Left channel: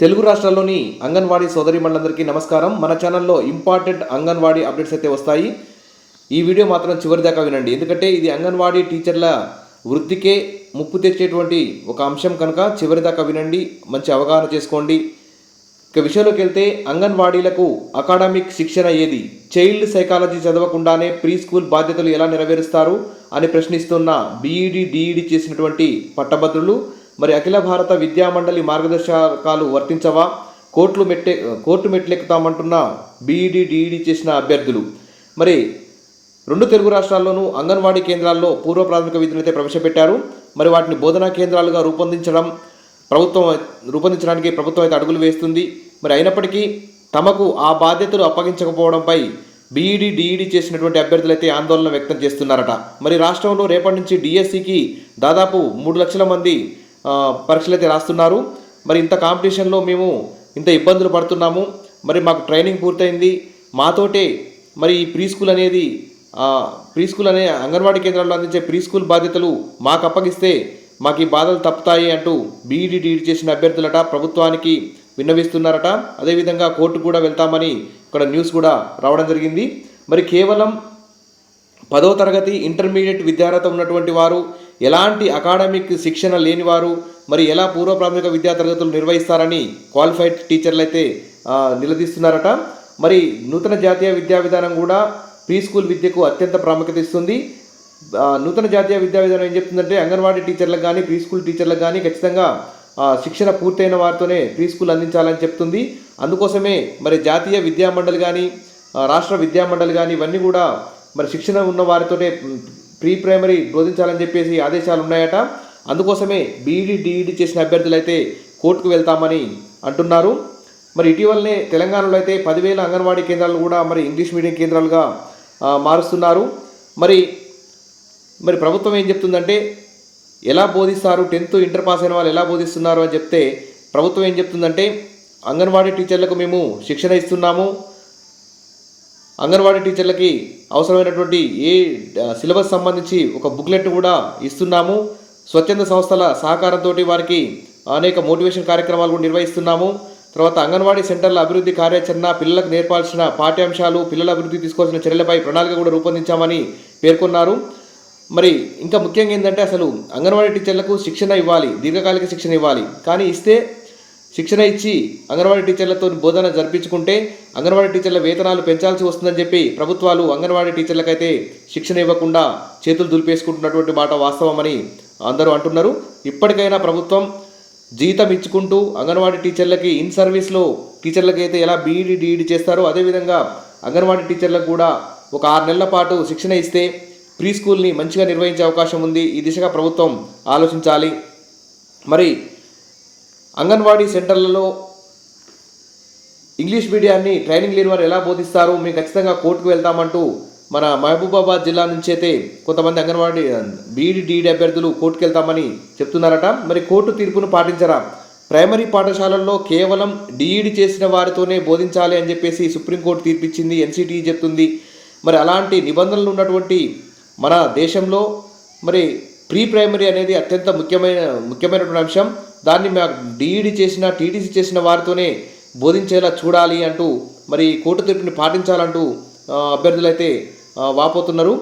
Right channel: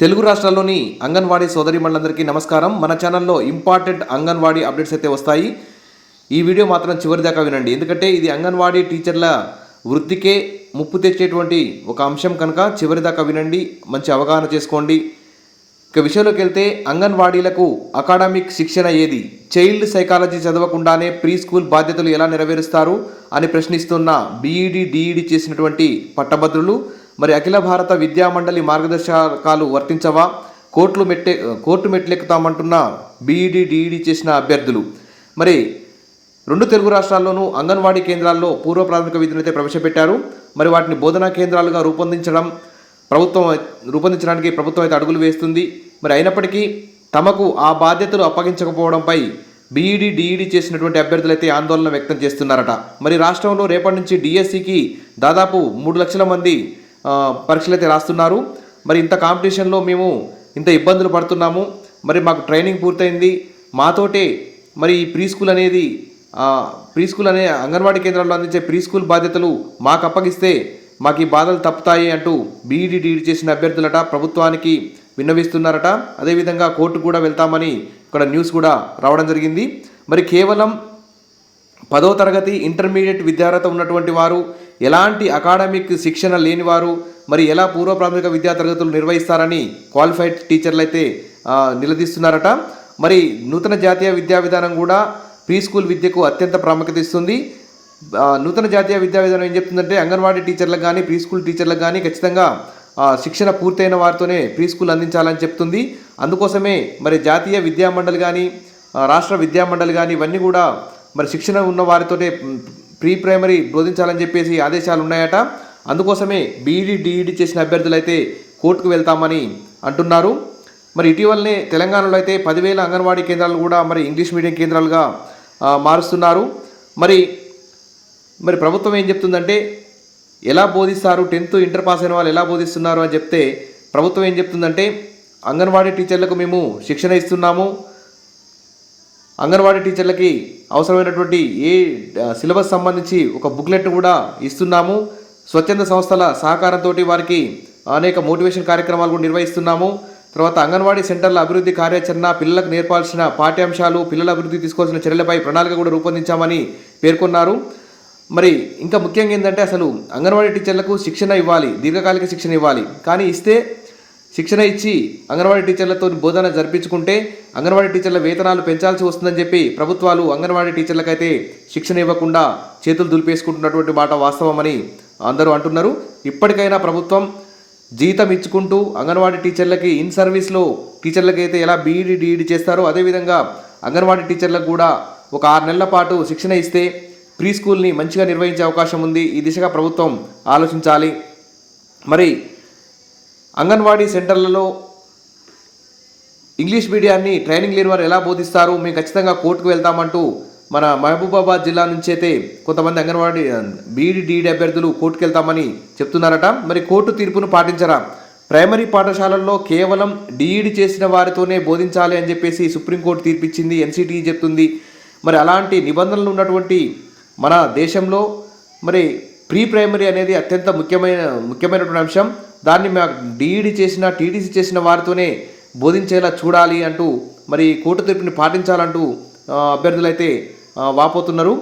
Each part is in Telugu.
తెలుగు రాష్ట్రాల్లోని అంగన్వాడీ సోదరీమణులందరికీ నమస్కారం. మన ఛానల్లో ఇంపార్టెంట్ అంగన్వాడీ అప్డేట్స్ అయితే వస్తాయి. ఈ వీడియో మాత్రం చివరి దాకా వినండి, ఎందుకంటే ఇది అంగన్వాడీ టీచర్ల వృత్తికే ముప్పు తెచ్చేటువంటి ఒక అంశం కనుక చివరి దాకా వినండి, మంచి అవగాహన చేసుకోండి. ఇక విషయంలోకి వెళ్తే, అంగన్వాడీలకు అకాడమిక్ శిక్షణ ఏది? చైల్డ్ సైకాలజీ చదవకుండానే ప్రీ స్కూల్ బాధ్యతలు ఎలా నెరవేరుస్తారు అని ప్రశ్నిస్తున్న బీఈడి డిఈడి చేసినటువంటి పట్టభద్రులు మరి అఖిల భారత విద్యామండలి మార్గదర్శకాలు వర్తించవా? కోర్టు మెట్లెక్కుతామంటున్న బీఈడి డిఈడి చేసిన అభ్యర్థులు. మరి రెండు తెలుగు రాష్ట్రాల్లోనూ అంగన్వాడీ కేంద్రాల్లో పూర్వ ప్రాథమిక విద్యను అయితే ప్రవేశపెట్టారు. మరి వాటిని బోధనా కేంద్రాలుగా రూపొందించడానికి ప్రభుత్వం అయితే అడుగులు వేస్తుంది. మరి అయినప్పటికీ తమకు ఆ బాధ్యతలు అప్పగించకపోవడంపై బీఈడి డిఈడి చేసినటువంటి అభ్యర్థులైతే ఆందోళన వ్యక్తం చేస్తున్నారట. మరి రాష్ట్రంలో రేపటి నుంచి డిఎస్సికి దాదాపు 3 లక్షల మంది పరీక్షలు అయితే రాస్తున్నారు. మరి ఇంత కాంపిటీషన్లో మేము ఇంత ఇబ్బందులు పడుతున్నాము. మరి మాకు ట్రైనింగ్ పూర్తయింది, మాతోటే మరి ఈ ప్రీ స్కూల్ అనే అంగన్వాడీ కేంద్రాల్లో అందించే ప్రీ స్కూల్ బాధ్యతలు మాకు అప్పగిస్తే మాకు ఈ బాధలు తప్పుతాయి అంటూ బీఈడి డిఈడి చేసిన అభ్యర్థులట ప్రభుత్వానికి విన్నవిస్తున్నారట. అదేవిధంగా కోర్టు కూడా వెళ్తామని ఇక్కడ న్యూస్ కూడా రావడం జరిగింది. మరి కేవలం 10వ తరగతి ఇంటర్మీడియట్ విద్యార్హత ఉన్నటువంటి వారు, ఎలాంటి అకాడమిక్ శిక్షణ లేని వారు మరి ఎలా పూర్వ ప్రాథమిక విద్యా తరగతులు నిర్వహిస్తారని క్వాలిఫైడ్ టీచర్లు అయితే నిలదీస్తున్నారట. మరి నూతన జాతీయ విద్యా విధానం కూడా ప్రీ స్కూల్ విద్యకు అత్యంత ప్రాముఖ్యత ఇస్తుంది. నూతన జాతీయ విద్యా విధానం ఏం చెప్తుందంటే, అంగన్వాడీ టీచర్లకు కానీ ప్రీ స్కూల్ టీచర్లకు కానీ ఖచ్చితంగా శిక్షణ పూర్తయిన వారితోనే ప్రీ స్కూల్ అందించాలని చెప్తుంది. అందుకోసమే మరి జాతీయ విద్యామండలి కానీ రాష్ట్ర విద్యామండలి కానీ ఇవన్నీ కూడా మరి శిక్షణ ఉన్న వారితోటే ప్రీ ప్రైమరీ బోధించాలని చెప్పేసి ఆదేశాలు ఉన్నాయట. అందుకోసమే బీఈడి డిఈడి చేసిన అభ్యర్థులు అయితే కోర్టుకు వెళ్తామని అంటున్నారు. మరి ఇటీవలనే తెలంగాణలో అయితే 10,000 అంగన్వాడీ కేంద్రాలు కూడా మరి ఇంగ్లీష్ మీడియం కేంద్రాలుగా మారుస్తున్నారు. మరి ప్రభుత్వం ఏం చెప్తుందంటే, ఎలా బోధిస్తారు, 10th ఇంటర్ పాస్ అయిన వాళ్ళు ఎలా బోధిస్తున్నారు అని చెప్తే, ప్రభుత్వం ఏం చెప్తుందంటే, అంగన్వాడీ టీచర్లకు మేము శిక్షణ ఇస్తున్నాము, అంగన్వాడీ టీచర్లకి అవసరమైనటువంటి సిలబస్ సంబంధించి ఒక బుక్లెట్ కూడా ఇస్తున్నాము, స్వచ్ఛంద సంస్థల సహకారంతో వారికి అనేక మోటివేషన్ కార్యక్రమాలు కూడా నిర్వహిస్తున్నాము. తర్వాత అంగన్వాడీ సెంటర్ల అభివృద్ధి కార్యాచరణ, పిల్లలకు నేర్పాల్సిన పాఠ్యాంశాలు, పిల్లల అభివృద్ధి తీసుకోవాల్సిన చర్యలపై ప్రణాళిక కూడా రూపొందించామని పేర్కొన్నారు. మరి ఇంకా ముఖ్యంగా ఏంటంటే, అసలు అంగన్వాడీ టీచర్లకు శిక్షణ ఇవ్వాలి, దీర్ఘకాలిక శిక్షణ ఇవ్వాలి. కానీ శిక్షణ ఇచ్చి అంగన్వాడీ టీచర్లతో బోధన జరిపించుకుంటే అంగన్వాడీ టీచర్ల వేతనాలు పెంచాల్సి వస్తుందని చెప్పి ప్రభుత్వాలు అంగన్వాడీ టీచర్లకైతే శిక్షణ ఇవ్వకుండా చేతులు దులిపేసుకుంటున్నటువంటి మాట వాస్తవమని అందరూ అంటున్నారు. ఇప్పటికైనా ప్రభుత్వం జీతం ఇచ్చుకుంటూ అంగన్వాడీ టీచర్లకి ఇన్ సర్వీస్లో టీచర్లకైతే ఎలా బీఈడి డిఈడి చేస్తారో అదేవిధంగా అంగన్వాడీ టీచర్లకు కూడా ఒక 6 నెలల పాటు శిక్షణ ఇస్తే ప్రీ స్కూల్ని మంచిగా నిర్వహించే అవకాశం ఉంది. ఈ దిశగా ప్రభుత్వం ఆలోచించాలి. మరి అంగన్వాడీ సెంటర్లలో ఇంగ్లీష్ మీడియాన్ని ట్రైనింగ్ లేని వారు ఎలా బోధిస్తారు, మేము ఖచ్చితంగా కోర్టుకు వెళ్తామంటూ మన మహబూబాబాద్ జిల్లా నుంచి అయితే కొంతమంది అంగన్వాడీ బీఈడి డిఈడి అభ్యర్థులు కోర్టుకు వెళ్తామని చెప్తున్నారట. మరి కోర్టు తీర్పును పాటించరా? ప్రైమరీ పాఠశాలల్లో కేవలం డిఈడి చేసిన వారితోనే బోధించాలి అని చెప్పేసి సుప్రీంకోర్టు తీర్పిచ్చింది, ఎన్సిటిఈ చెప్తుంది. మరి అలాంటి నిబంధనలు ఉన్నటువంటి మన దేశంలో మరి ప్రీ ప్రైమరీ అనేది అత్యంత ముఖ్యమైనటువంటి అంశం. దాన్ని డిఈడి చేసిన టీటీసీ చేసిన వారితోనే బోధించేలా చూడాలి అంటూ మరి కోర్టు తీర్పుని పాటించాలంటూ అభ్యర్థులు అయితే వాపోతున్నారు.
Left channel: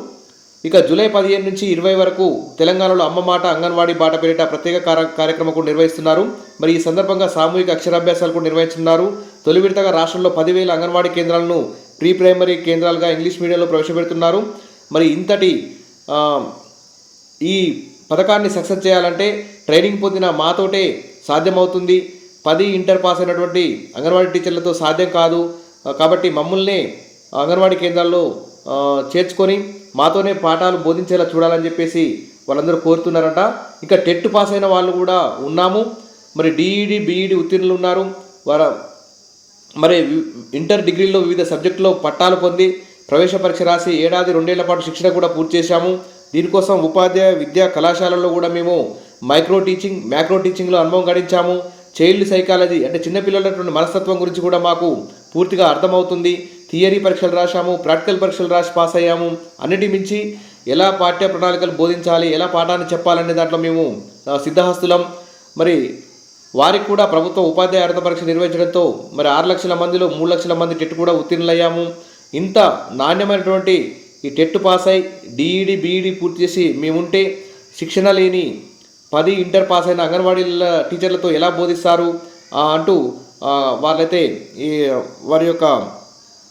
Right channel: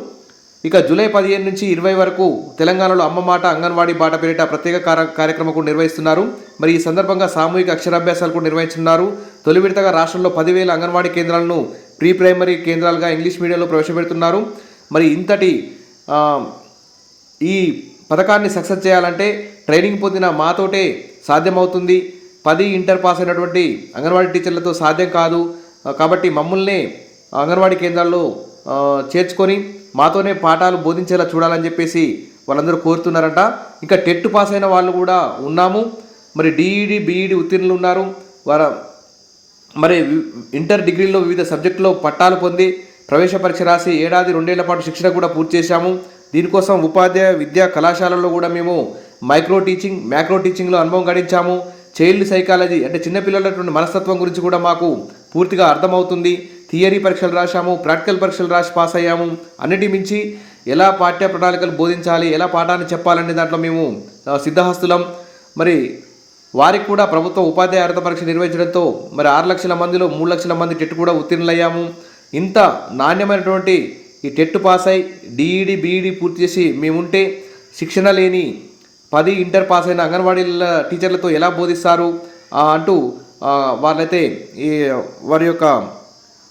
ఇక జూలై 15 నుంచి 20 వరకు తెలంగాణలో అమ్మ మాట అంగన్వాడీ బాట పేరిట ప్రత్యేక కార్యక్రమం కూడా నిర్వహిస్తున్నారు. మరి ఈ సందర్భంగా సామూహిక అక్షరాభ్యాసాలు కూడా నిర్వహిస్తున్నారు. తొలి విడతగా రాష్ట్రంలో 10,000 అంగన్వాడీ కేంద్రాలను ప్రీ ప్రైమరీ కేంద్రాలుగా ఇంగ్లీష్ మీడియంలో ప్రవేశపెడుతున్నారు. మరి ఇంతటి ఈ పథకాన్ని సక్సెస్ చేయాలంటే ట్రైనింగ్ పొందిన మాతోటే సాధ్యమవుతుంది. 10 ఇంటర్ పాస్ అయినటువంటి అంగన్వాడీ టీచర్లతో సాధ్యం కాదు. కాబట్టి మమ్మల్నే అంగన్వాడీ కేంద్రాల్లో చేర్చుకొని మాతోనే పాఠాలు బోధించేలా చూడాలని చెప్పేసి వాళ్ళందరూ కోరుతున్నారట. ఇంకా టెట్ పాస్ అయిన వాళ్ళు కూడా ఉన్నాము. మరి డిఈడి బీఈడి ఉత్తీర్ణులు ఉన్నారు. మరి ఇంటర్ డిగ్రీలో వివిధ సబ్జెక్టులో పట్టాలు పొంది ప్రవేశ పరీక్ష రాసి 1-2 ఏళ్ల పాటు శిక్షణ కూడా పూర్తి చేశాము. దీనికోసం ఉపాధ్యాయ విద్యా కళాశాలల్లో కూడా మేము మైక్రో టీచింగ్లో అనుభవం గడించాము. చైల్డ్ సైకాలజీ అంటే చిన్నపిల్లలటువంటి మనస్తత్వం గురించి కూడా మాకు పూర్తిగా అర్థమవుతుంది. థియరీ పరీక్షలు రాశాము, ప్రాక్టికల్ పరీక్షలు రాసి పాస్ అయ్యాము. అన్నిటి మించి ఎలా పాఠ్య ప్రణాళికలు బోధించాలి, ఎలా పాఠాన్ని చెప్పాలనే దాంట్లో మేము సిద్ధహస్తులం. మరి వారికి కూడా ప్రభుత్వ ఉపాధ్యాయ అర్హత పరీక్ష నిర్వహించడంతో మరి 6 లక్షల మందిలో 3 లక్షల మంది టెట్ కూడా ఉత్తీర్ణులయ్యాము. ఇంత నాణ్యమైనటువంటి ఈ టెట్ పాస్ అయి డిఈడి బీఈడి పూర్తి చేసి మేముంటే శిక్షణ లేని 10 ఇంటర్ పాస్ అయిన అంగన్వాడీ టీచర్లతో ఎలా బోధిస్తారు అంటూ వాళ్ళైతే ఈ వారి యొక్క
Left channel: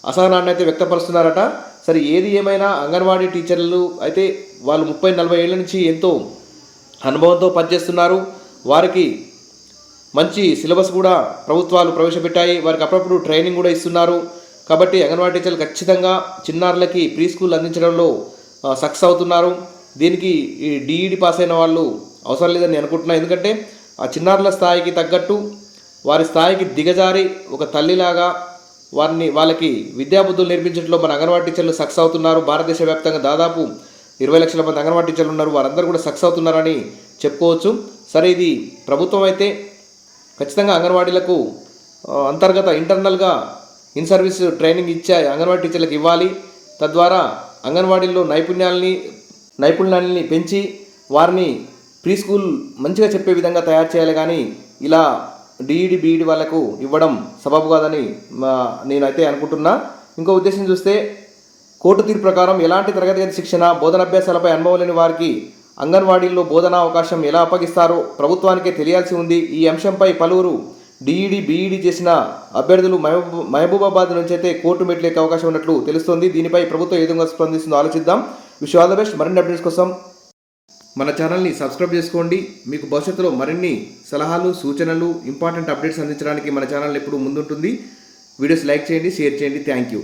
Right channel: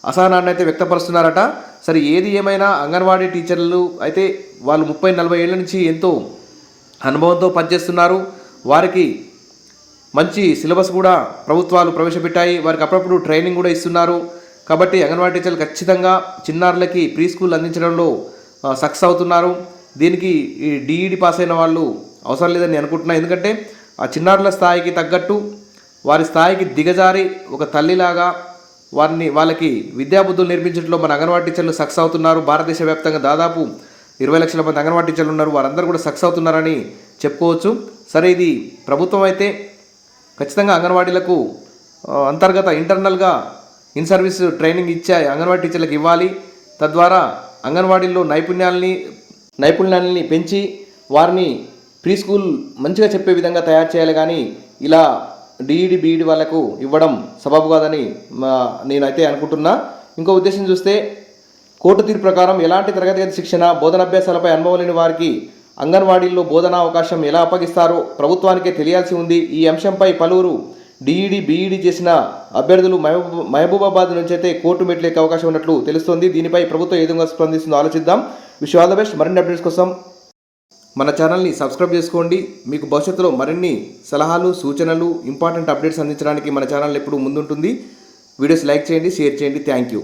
అసహనాన్ని అయితే వ్యక్తపరుస్తున్నారట. సరే ఏది ఏమైనా అంగన్వాడీ టీచర్లు అయితే వాళ్ళు 30-40 ఏళ్ళ నుంచి ఎంతో అనుభవంతో పనిచేస్తున్నారు. వారికి మంచి సిలబస్ కూడా ప్రభుత్వాలు ప్రవేశపెట్టాయి. వారికి అప్పుడప్పుడు ట్రైనింగ్ కూడా ఇస్తున్నారు. కాబట్టి అంగన్వాడీ టీచర్లు ఖచ్చితంగా చిన్నారులకి ప్రీ స్కూల్ అందించడంలో సక్సెస్ అవుతున్నారు. దీనికి ఈ డిఈడి పాస్ అయిన వాళ్ళు అవసరం లేదని అనుకుంటున్నాను. ఎందుకంటే ఆ చిన్నారుల స్థాయికి తగ్గట్టు వారి స్థాయికి దిగజారి ఒక తల్లిలాగా వాళ్ళకి విద్యాబుద్ధులు నేర్పించడంలో మన అంగన్వాడీ టీచర్లు సక్సెస్ అవుతున్నారు. భారతదేశ వ్యాప్తంగా దాదాపు 20 లక్షల మంది అంగన్వాడీ టీచర్లు ఉన్నారు. వారందరూ కూడా సక్సెస్ అవుతున్నారని చెప్పుకోవచ్చు. సరే ఇది ప్రభుత్వం అయితే ఖచ్చితంగా అంగన్వాడీలకు అంతర్గత ఇంటర్నల్గా ఇన్ సర్వీస్ ట్రైనింగ్ ఇచ్చే అంగన్వాడీ టీచర్లకు ఇవ్వాలి. తద్వారా అంగన్వాడీల్లో నైపుణ్యాలని పెంచి వారిని ప్రీ స్కూల్ మంచిగా చెప్పే విధంగా తయారు చేయాలి. కానీ ఇలా డిఈడి బీఈడి వాళ్ళకు ఇవ్వడం సబబు కాదని నేనైతే అనుకుంటున్నా. ఇంకో ఉద్దేశం చూస్తే కోర్టు తీర్పు ప్రకారం ఎలాంటి తరగతి గది శిక్షణ బోధనాభ్యాసాలపై అనుభవం లేని వారికి అంగన్వాడీల్లో బోధనా అవకాశం ఎలా అప్పగిస్తారో ప్రభుత్వానికే తెలియాల్సి ఉంది. ఈ అంశంపై పలువురు డిఈడి బీఈడి చేసిన అభ్యర్థులు మహబూబాబాద్ నుంచి అయితే కోర్టు మెట్లు ఎక్కే అవకాశం ఉన్నట్లు తెలుస్తోంది. దీనిపై ప్రభుత్వం ఏ విధంగా స్పందిస్తుందో ఆలోచిద్దాం. Wish all the best. మరిన్ని అప్డేట్స్ కోసం మన ఛానల్ని సబ్స్క్రైబ్ చేసుకోండి. మీకు భవిష్యత్తులో మరిన్ని సలహాలు సూచనలు ఇంపార్టెంట్ అప్డేట్స్ అందించడానికి మన ఛానల్ ఎప్పుడు ముందుంటుంది. వీడియోస్ లైక్ చేయండి, షేర్ చేయండి. Thank you.